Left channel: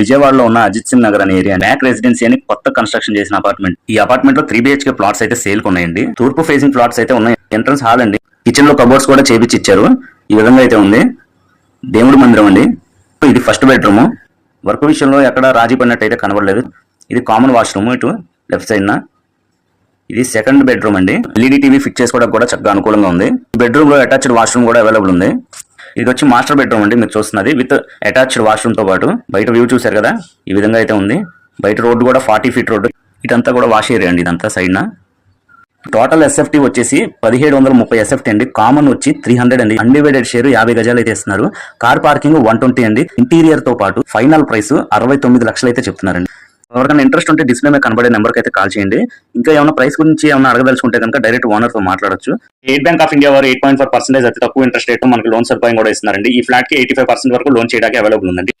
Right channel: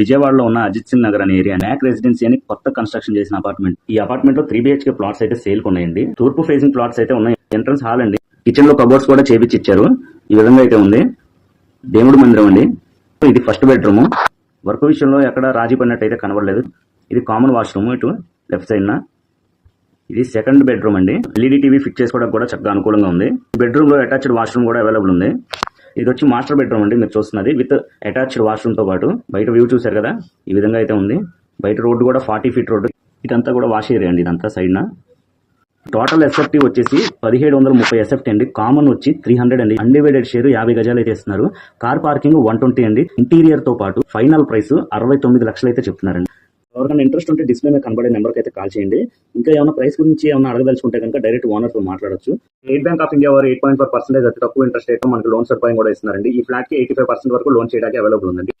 విజయవాడలో ఉన్న అజిత్ సింగ్ నగర్ అనే ఏరియా మ్యాక్ రెసిడెన్సీ అని కొత్త కన్స్ట్రక్షన్ చేసిన అపార్ట్మెంట్. ఈ అపార్ట్మెంట్ లో 3 BHK ప్లాట్స్ అయితే సేల్ ఉన్నాయండి. తూర్పు ఫేసింగ్ ప్లాట్స్ అయితే ఉన్నాయి. ఎంట్రన్స్ హాల్ అండి. కిచెన్ లో కబోర్డ్స్ కూడా చేపించి ఇచ్చారు. ఈ విధంగా అయితే ఉంది. దేవుడి మందిరం అండి. ఇది ఫస్ట్ బెడ్రూమ్. వర్క్ విషయంలో ఎక్కడ రాజీ పడినట్టు అయితే కనబడలేదు. ఇది కామన్ వాష్రూమ్ ఇటు లెఫ్ట్ సైడ్ న. ఇది సెకండ్ బెడ్రూమ్ అండి. LED టీవీ ఫిట్ చేసుకోవడానికి కూడా చక్కగా అనుకూలంగా ఉంది. బెడ్రూమ్ లో అటాచ్డ్ వాష్రూమ్ కూడా అవైలబుల్ ఉంది. ఇది వచ్చి మాస్టర్ బెడ్రూమ్ అండి. మీరు చూస్తున్నది విత్ అటాచ్డ్ వాష్రూమ్ తో పాటు. బయట వ్యూ చూసారు కదా, ఈ విధంగా అయితే ఉంది. బయట రోడ్డు కూడా 40 ఫీట్ రోడ్డు. ఇదంతా కూడా వాష్ ఏరియా అండి. ఇదంతా సైడ్ న. టోటల్ SFT వచ్చేసి 1730 SFT అండి. కామన్ వచ్చి 300 అండి. అన్డివైడెడ్ షేర్ 50 గజాలు అయితే ఇస్తున్నారు. కార్ పార్కింగ్ 120 అండి. ఇంటీరియర్ తో పాటు ఫైనల్ ప్రైస్ 69 లక్షలు అయితే చెప్తున్నారండి. ఎవరికైనా ఇంట్రెస్ట్ ఉంటే డిస్ప్లే మీద కనబడే నెంబర్కి అయితే కాల్ చేయండి. ఇంకా ఏమైనా ప్రైస్ గురించి ఏమైనా అడగదలుచుకుంటే కనుక డైరెక్ట్ ఓనర్ తో మాట్లాడొచ్చు. స్టేట్ బ్యాంక్ ఆఫ్ ఇండియా వారు 8.4% అతి తక్కువ ఇంట్రెస్ట్ రేట్ మనకి లోన్ సదుపాయం కూడా ఇస్తున్నారండి. ఈ ఫ్లాట్ కి 85% వరకు లోన్ చేయడానికి అవైలబుల్ ఉందండి.